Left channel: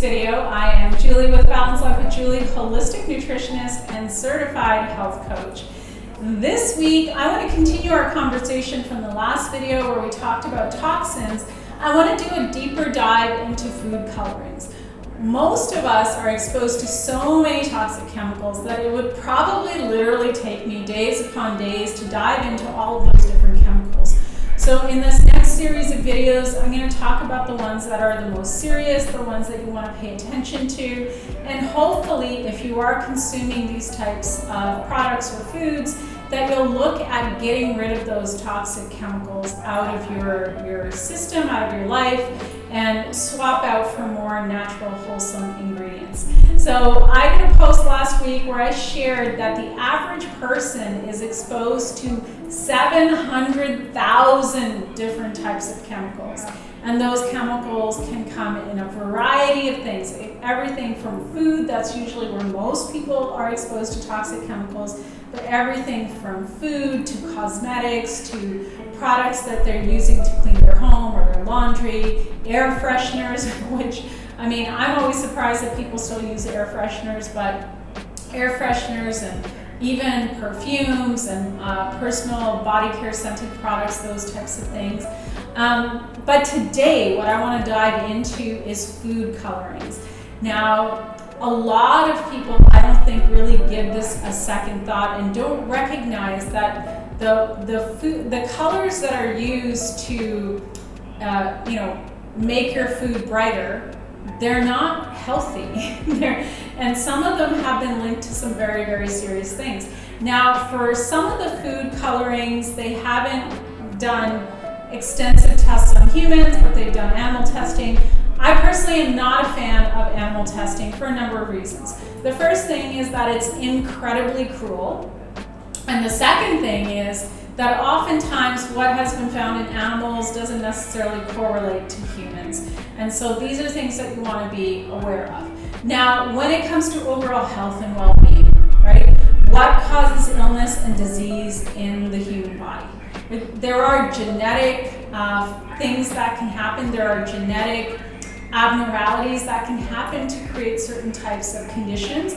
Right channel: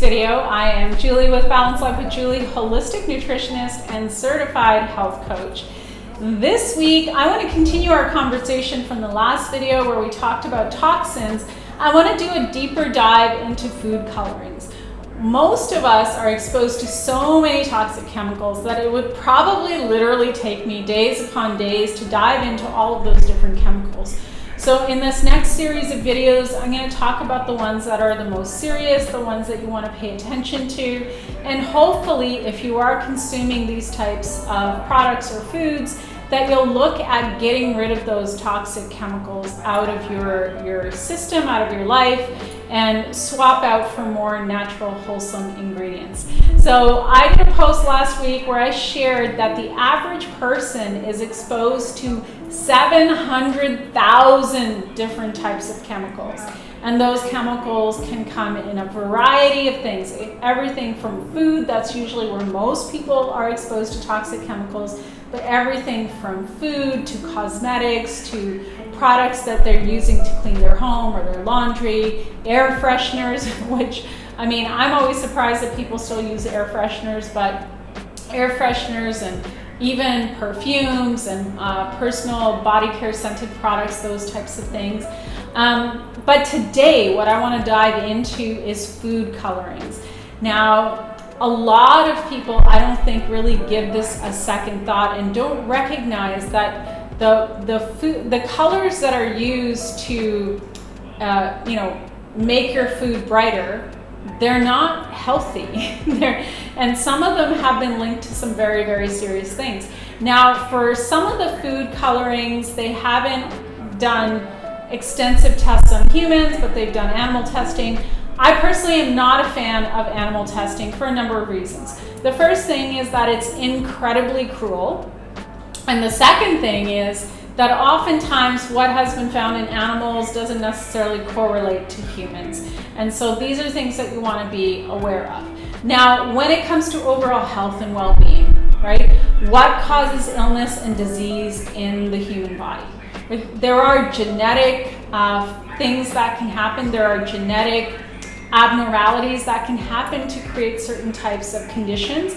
video. I am Julie with Balance Life with Julie, holistic nutritionist and certified health coach. This week, I want to continue our conversation from the last video where we talked about toxins. I want to do a deeper dive into food colorings. Most of us are exposed to so many toxic chemicals that it would probably literally take me days upon days to dive into all of those different chemicals. So in this next series of videos, I'm going to talk about the ones that are the most serious, the ones that you want to pay attention to, and hopefully if you are consuming these types of products or foods, that you'll look at getting rid of those toxic chemicals out of your system, out of your life, and swap out for more natural, wholesome ingredients. So I did a post last week where I shared that the average person is exposed to 700,000 different types of chemicals. And those chemicals can come in a variety of things. Everything from food, that's usually where most people are exposed to toxic chemicals, but everything from food to cosmetics to products that they're using to clean their home or their laundry, air fresheners, which, I mean, I'm always surprised that people still use air fresheners, but air fresheners and even perfumes and personal body care scented products, those types of things. But today, what I want to dive into is food colorings. Now, a lot of people, I don't think, really give this a second thought and don't recognize that the colors that are used to, make your food brighter, they're not healthy. And some of them have been linked to some very, very serious things. Now, for some of the food colorings, they haven't done extensive tests on humans, but they've done animal testing. I personally am not a fan of animal testing for a number of reasons. The first thing is that it's incredibly cruel. And the second thing is that oftentimes what has been found in animals doesn't necessarily correlate to humans. And so these are things that you want to be aware of. Now, when it comes to overall health and well-being, right? What causes illness and disease in the human body? There are genetic things that can happen. There are genetic abnormalities that can happen to create certain types of conditions.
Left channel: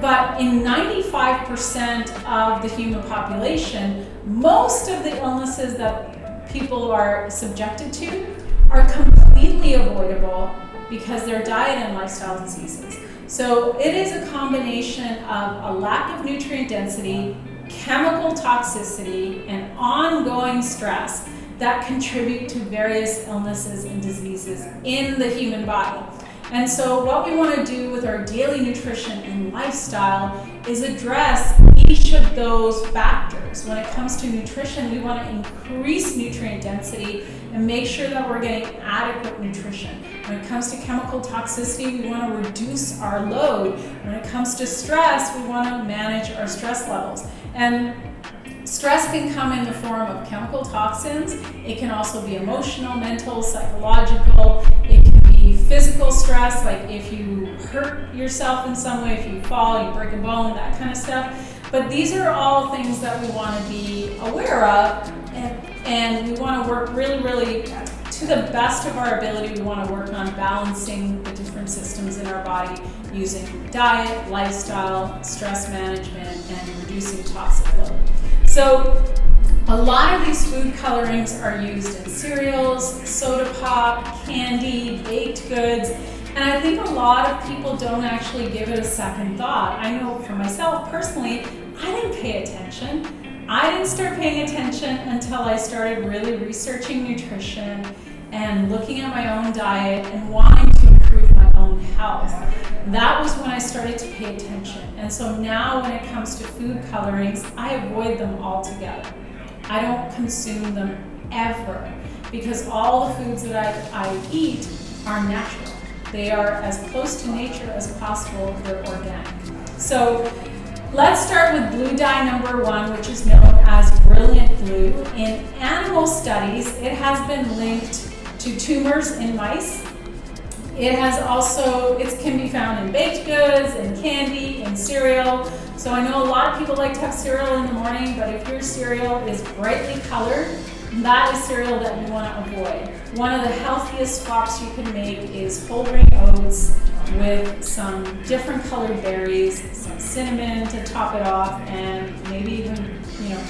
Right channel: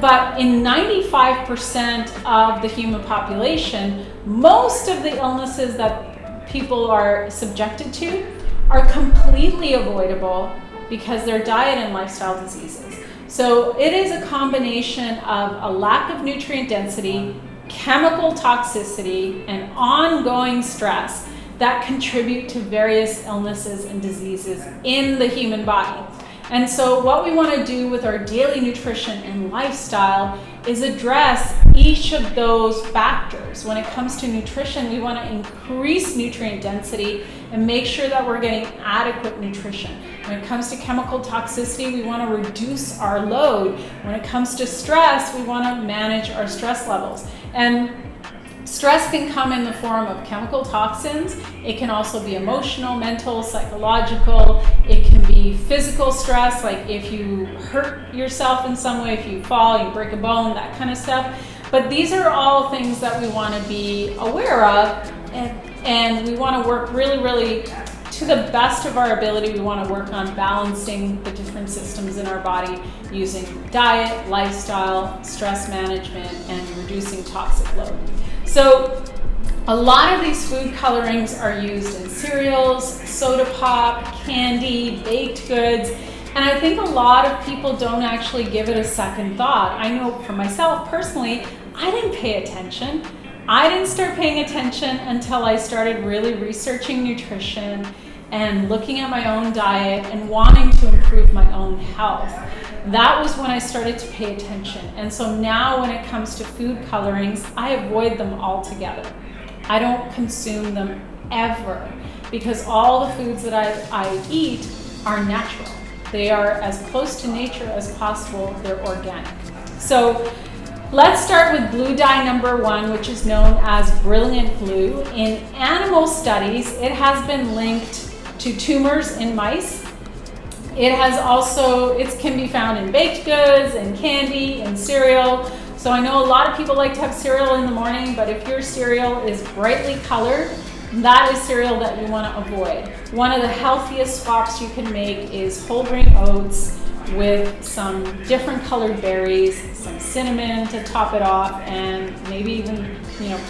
But in 95% of the human population, most of the illnesses that people are subjected to are completely avoidable because they're diet and lifestyle diseases. So it is a combination of a lack of nutrient density, chemical toxicity, and ongoing stress that contribute to various illnesses and diseases in the human body. And so what we want to do with our daily nutrition and lifestyle is address each of those factors. When it comes to nutrition, we want to increase nutrient density and make sure that we're getting adequate nutrition. When it comes to chemical toxicity, we want to reduce our load. When it comes to stress, we want to manage our stress levels. And stress can come in the form of chemical toxins. It can also be emotional, mental, psychological. It can be physical stress, like if you hurt yourself in some way, if you fall, you break a bone, that kind of stuff. But these are all things that we want to be aware of, and we want to work really, really to the best of our ability. We want to work on balancing the different systems in our body using diet, lifestyle, stress management, and reducing toxic load. So a lot of these food colorings are used in cereals, soda pop, candy, baked goods, and I think a lot of people don't actually give it a second thought. I know for myself personally, I didn't pay attention. I didn't start paying attention until I started really researching nutrition and looking at my own diet and wanting to improve my own health. That was when I started to pay attention. And so now when it comes to food colorings, I avoid them altogether. I don't consume them ever because all the foods that I eat are natural. They are as close to nature as possible. They're organic. So let's start with blue dye number 1, which is known as brilliant blue. In animal studies, it has been linked to tumors in mice. It can be found in baked goods, in candy, in cereal. So I know a lot of people like to have cereal in the morning, but if your cereal is brightly colored, that is cereal that you want to avoid. One of the healthiest swaps you can make is whole grain oats with some different colored berries, some cinnamon to top it off, and maybe even,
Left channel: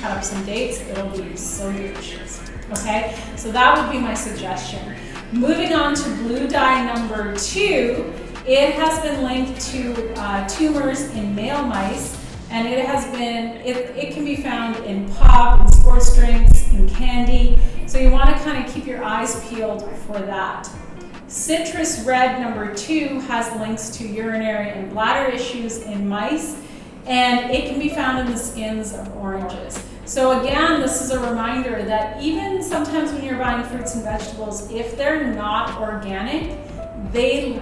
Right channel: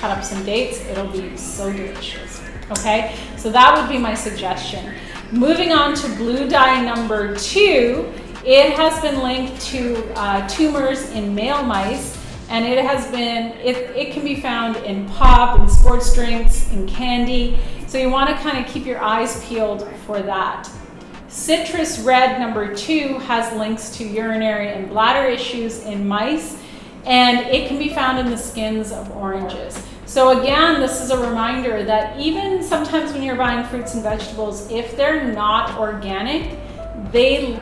cut up some dates. It'll be so delicious. Okay, so that would be my suggestion. Moving on to blue dye number 2, it has been linked to tumors in male mice, and it can be found in pop, in sports drinks, in candy. So you want to kind of keep your eyes peeled for that. Citrus red number 2 has links to urinary and bladder issues in mice, and it can be found in the skins of oranges. So again, this is a reminder that even sometimes when you're buying fruits and vegetables, if they're not organic, they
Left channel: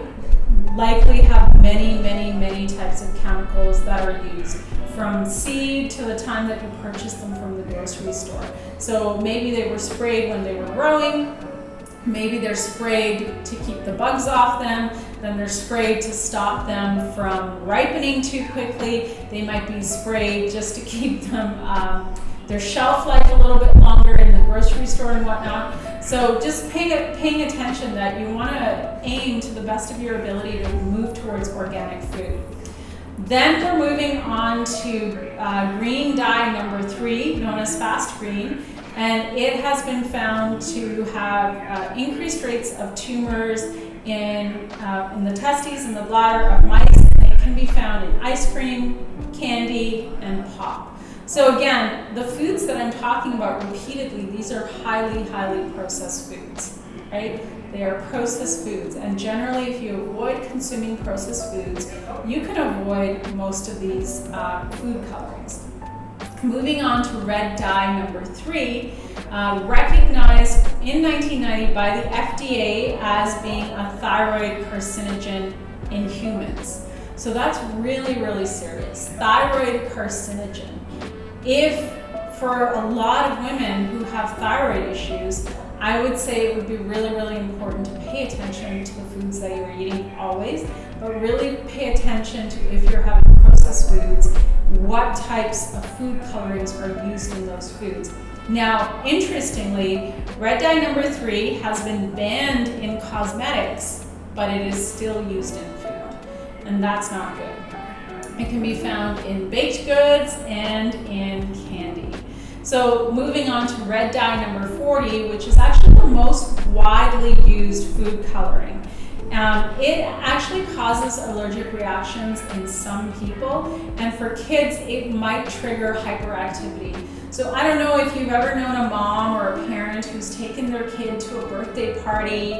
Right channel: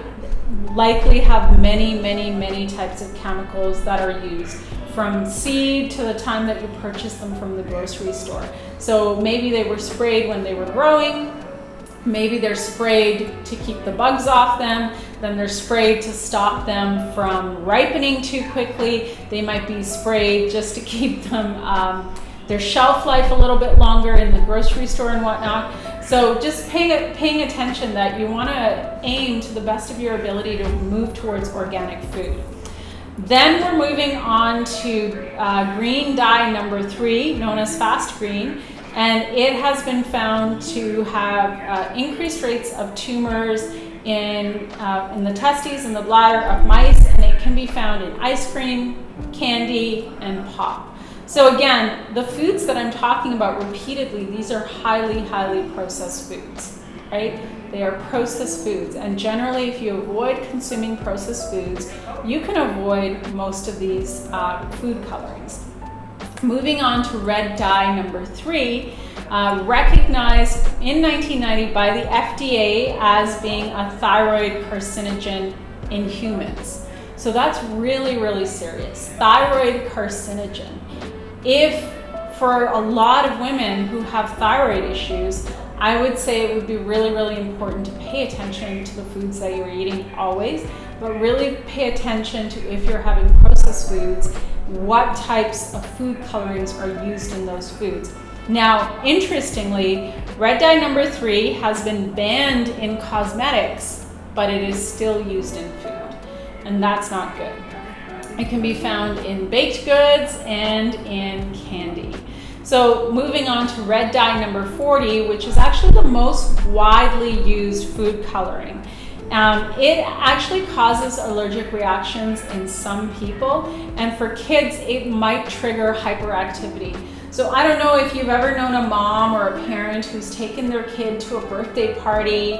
likely have many, many, many types of chemicals that are used, from seed to the time that you purchase them from the grocery store. So maybe they were sprayed when they were growing, maybe they're sprayed to keep the bugs off them, then they're sprayed to stop them from ripening too quickly. They might be sprayed just to keep them their shelf life a little bit longer in the grocery store and whatnot. So just paying attention that you want to aim to the best of your ability to move towards organic food. Then we're moving on to green dye number 3, known as fast green, and it has been found to have increased rates of tumors in the testes and the bladder of mice, and it can be found in ice cream, candy, and pop. So again, the foods that I'm talking about repeatedly, these are highly, highly processed foods, right? They are processed foods, and generally if you avoid consuming processed foods, you can avoid most of these food colorings. Moving on to red dye number 3, recognized in 1990 by the FDA as being a thyroid carcinogen in humans. So that's really, really serious. Thyroid carcinogen. If for a lot of women who have thyroid issues, I would say it would be really, really important to pay attention to the foods that you're eating always, but really pay attention to, if you're having processed foods, what types of food colorings are used in those foods. Now, interestingly, red dye number 3 has been banned in cosmetics, but it is still used in food, and that's not good. It can be found in baked goods and in candy. So moving on to red dye number 40, which is actually the most widely used food coloring. It actually causes allergic reactions in some people, and for kids, it might trigger hyperactivity. So I don't know if you've ever known a mom or a parent who's taken their kid to a birthday party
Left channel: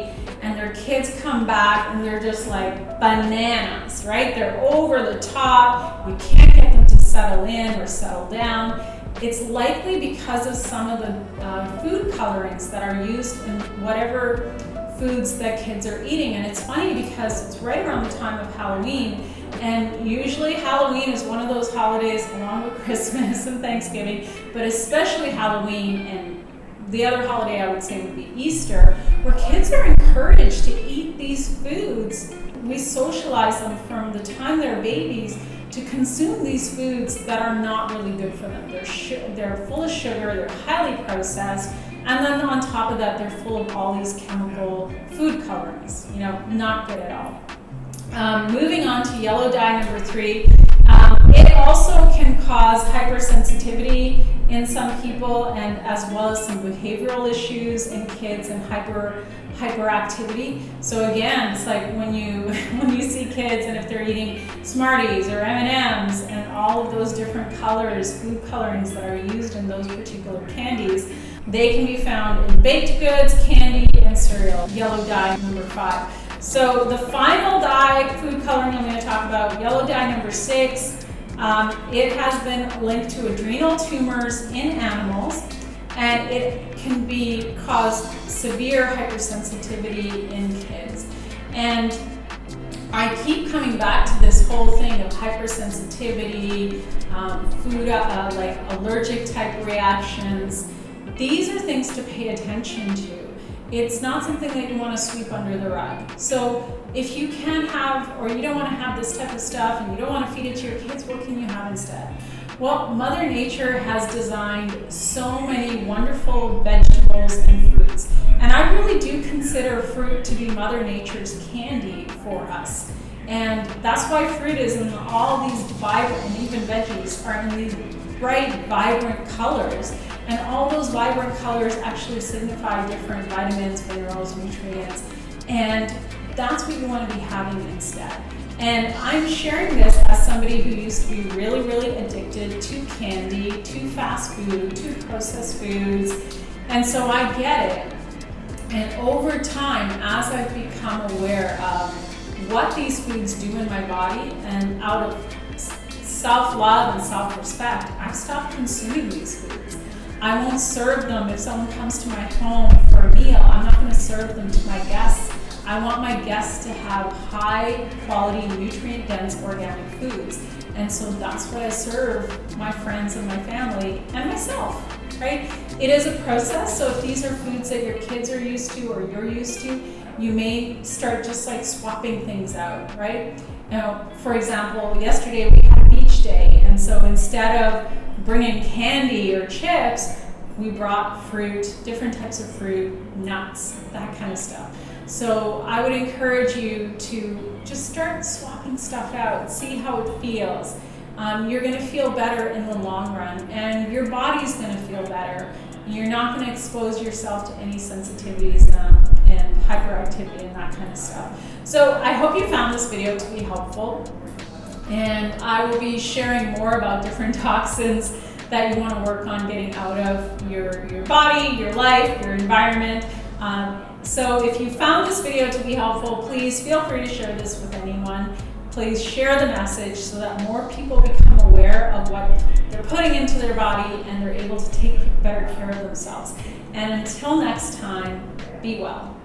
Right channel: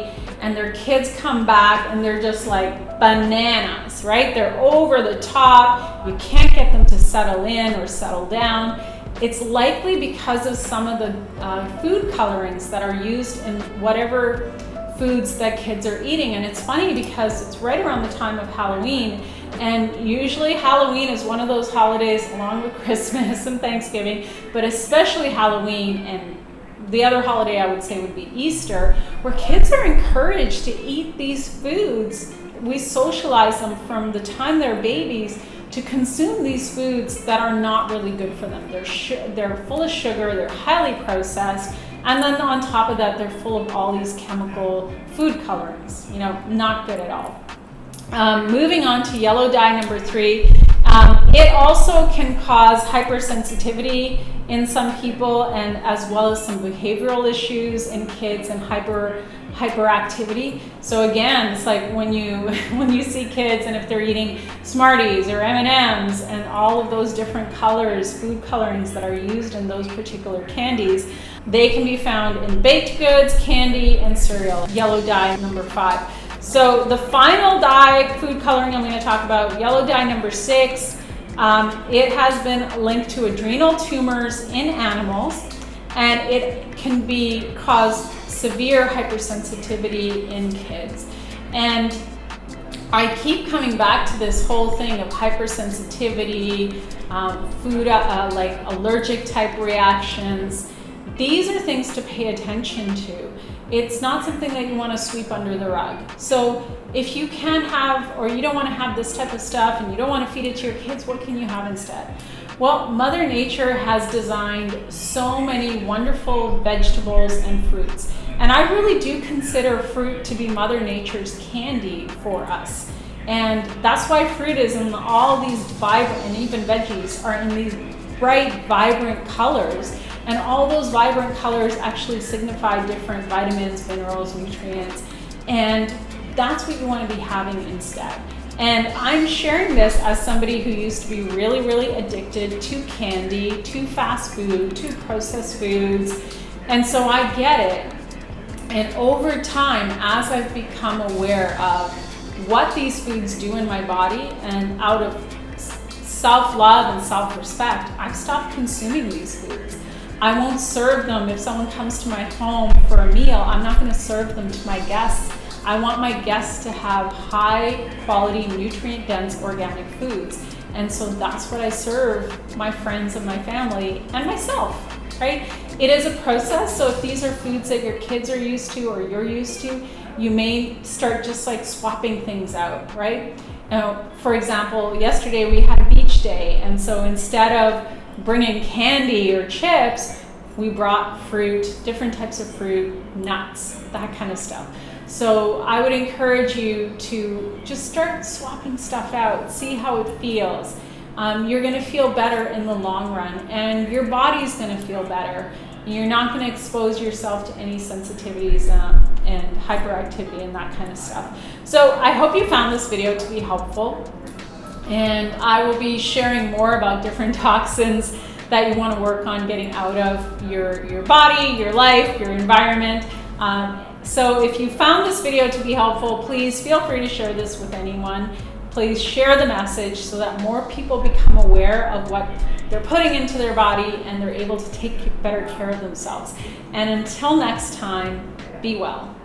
and their kids come back and they're just like bananas, right? They're over the top. You can't get them to settle in or settle down. It's likely because of some of the food colorings that are used in whatever foods that kids are eating. And it's funny because it's right around the time of Halloween, and usually Halloween is one of those holidays along with Christmas and Thanksgiving, but especially Halloween, and the other holiday I would say would be Easter, where kids are encouraged to eat these foods. We socialize them from the time they're babies to consume these foods that are not really good for them. They're full of sugar, they're highly processed, and then on top of that, they're full of all these chemical food colorings, not good at all. Moving on to yellow dye number 3, it also can cause hypersensitivity in some people, and as well as some behavioral issues in kids and hyperactivity. So again, it's like when you see kids and if they're eating Smarties or M&Ms and all of those different colors, food colorings that are used in those particular candies, they can be found in baked goods, candy, and cereal. Yellow dye number 5. So the final dye food coloring I'm going to talk about, yellow dye number 6, it has been linked to adrenal tumors in animals, and it can cause severe hypersensitivity in kids. And I keep coming back to this whole thing of hypersensitivity, food like allergic type reactions. These are things to pay attention to. It's not something that you want to sweep under the rug. So if you can't have, or you don't want to have this type of stuff and you don't want to feed it to your kids, what can you have instead? Well, Mother Nature has designed so many wonderful vegetables and fruits. And I really do consider fruit to be Mother Nature's candy for us. And that's why fruit is in all these vibrant, and even veggies are in these bright, vibrant colors. And all those vibrant colors actually signify different vitamins, minerals, nutrients. And that's what you want to be having instead. And I'm sharing this as somebody who used to be really, really addicted to candy, to fast food, to processed foods. And so I get it. And over time, as I've become aware of what these foods do in my body, and out of self-love and self-respect, I've stopped consuming these foods. I won't serve them. If someone comes to my home for a meal, I'm not going to serve them to my guests. I want my guests to have high quality, nutrient dense organic foods. And so that's what I serve my friends and my family and myself, right? It is a process. So if these are foods that your kids are used to or you're used to, you may start just like swapping things out, right? Now, for example, yesterday we had a beach day. And so instead of bringing candy or chips, we brought fruit, different types of fruit, nuts, that kind of stuff. So I would encourage you to just start swapping stuff out, see how it feels. You're going to feel better in the long run, and your body's going to feel better. You're not going to expose yourself to any sensitivities and hyperactivity and that kind of stuff. So I hope you found this video to be helpful, and I will be sharing more about different toxins that you want to work on getting out of your body, your life, your environment. So if you found this video to be helpful, please feel free to share this with anyone. Please share the message so that more people become aware of what they're putting into their body and they're able to take better care of themselves. And until next time, be well.